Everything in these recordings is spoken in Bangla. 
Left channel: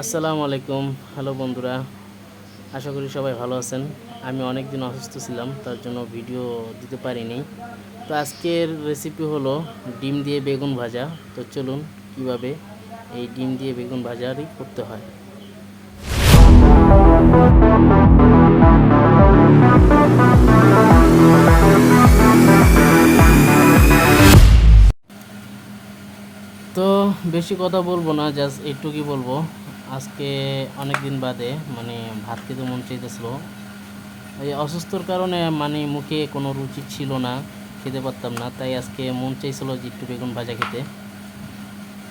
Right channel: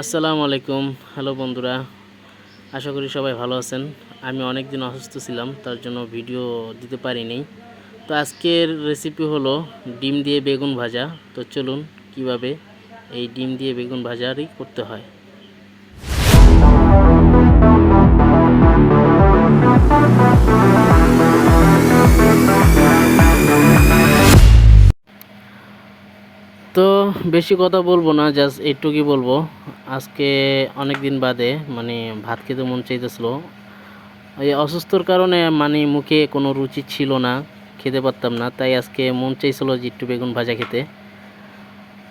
আসসালামু আলাইকুম। হ্যালো বন্ধুরা, আশা করি সবাই ভালো আছেন। আমি অনেক দিন অসুস্থ ছিলাম, তার জন্য ভিডিও দিতে পারিনি। তো আজকের রেসিপি হলো ডিম দিয়ে বেগুন ভাজা। তো চলুন কীভাবে এই ডিম দিয়ে বেগুন ভাজারই করতে হয়। তো বেশি কথা বলব না জাস্ট এইটুকুই বলব। আজকে অনেক দিন বাদে মানে ভাত খেতে মন চাইতেছিল। এই অসুস্থর কারণে মানে মুখে কোনো রুচি ছিল না, খেতে পারতাম না, তাই আজকে মন চাইছিল যে একটু বেগুন ভাজা খেতে।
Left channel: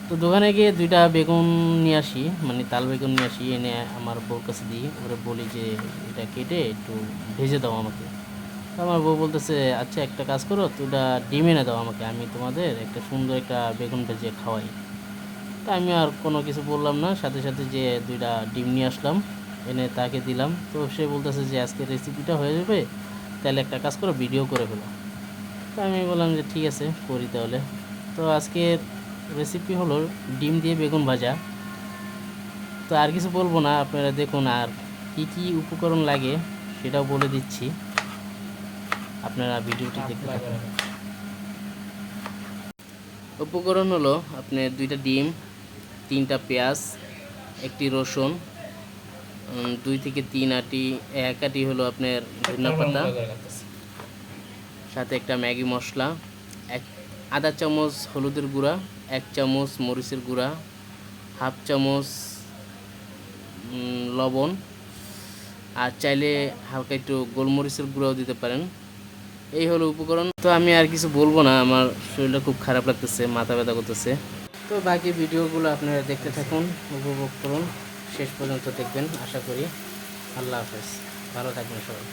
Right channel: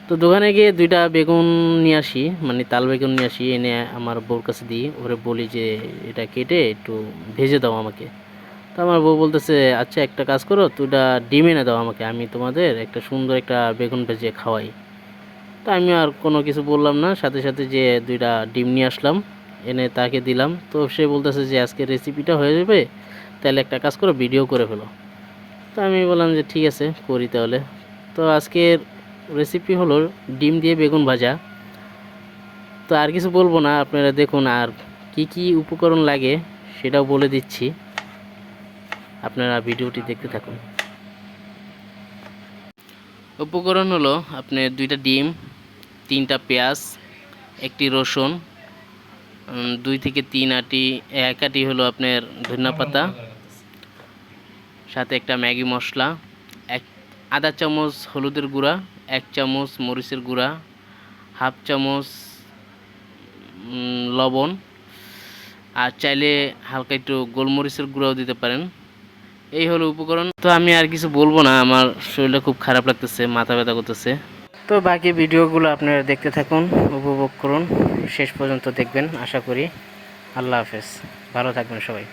তো দোকানে গিয়ে দুইটা বেগুন নিয়ে আসি মানে তাল বেগুন নিয়ে আসি, এনে আমার বউর কাছে দিই, ওরে বলি যে, এটা কেটে একটু ভেজে দাও আমাকে। তো আমার বউ বলতেছে আচ্ছা একটা কাজ করো, তুইটা ডিম এনে দাও আমাকে, আমি তোমাদের একটা সুন্দর একটা বেগুন ভেজে খাওয়াই। তো আমি আর কোনো কিছু বললাম না। সাথে সাথে যে দুইটা ডিম নিয়ে আসলাম, এনে তাকে দিলাম। তো সে বলতেছে যে আজকে রেসিপিটা হয়ে যাবে, তাহলে একটা কাজ করো ভিডিও করে ফেলো। তো আমি বললাম যে ঠিক আছে, করি তাহলে। তো আজকের রেসিপি হলো ডিম দিয়ে বেগুন ভাজা। তো আর কিছু বলব না, আপনারা দেখুন আর কি কি উপকরণ লাগে, সেটাও বলে দিচ্ছি। আপনারা ভিডিওটি দেখতে থাকুন। উপকরণ হলো আপনার দুইটা ডিম তিনটা পেঁয়াজ একটি রসুন দুই থেকে তিন আটি এক আটি হলো আপনার ধনিয়া পাতা সাথে একটা ম্যাগি মশলা এক আধা চামচ হলুদের গুঁড়া এক চামচ মরিচের গুঁড়া হাফ চামচ লবণ আর চাইলে হালকা একটু গোলমরিচের গুঁড়াও দিতে পারেন। এই হলো উপকরণ। তো আমি আর কিছু বলব না আমার শরীরটা খুব খারাপ লাগতেছে মাথা ব্যথা করতেছে। তো বাকি ভিডিওগুলো আপনারা দেখতে থাকুন, উপভোগ করুন। শেষ পর্যন্ত দেখবেন, আশা করি। আল্লাহ হাফেজ। ভালো থাকবেন সবাই।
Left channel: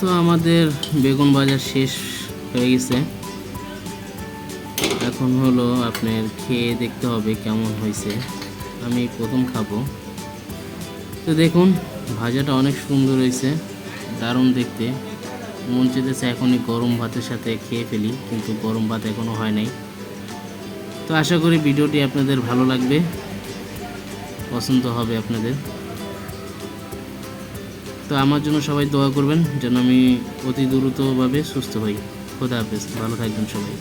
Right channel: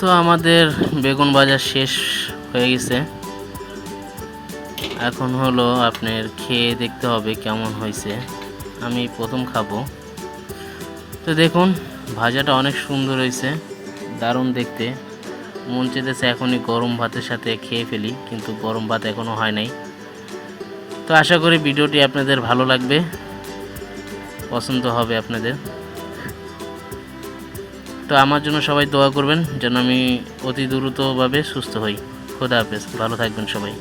তো আমাদের বেগুন বাজার শেষ হয়ে গেছে। এখন হলো আপনার খেয়ে দেখতে হবে কেমন হয়েছে। আমি প্রথম খাব। তো দেখুন, ভাজাটা অনেক সুন্দর হয়েছে, দারুণ দেখতে। মন চেতেছে এখনই গরম ভাতের সাথে খেয়ে ফেলি, কিন্তু গরম ভাত এখনও হয় নাই। তো আশা করি ভিডিওটি আপনাদের ভালো লাগবে, পছন্দ হবে আপনাদের। তো আমার জন্য সবাই দোয়া করবেন, যেন আমি অতি দ্রুতভাবে সুস্থ হই। খোদা হাফেজ, ভালো থাকবেন সবাই।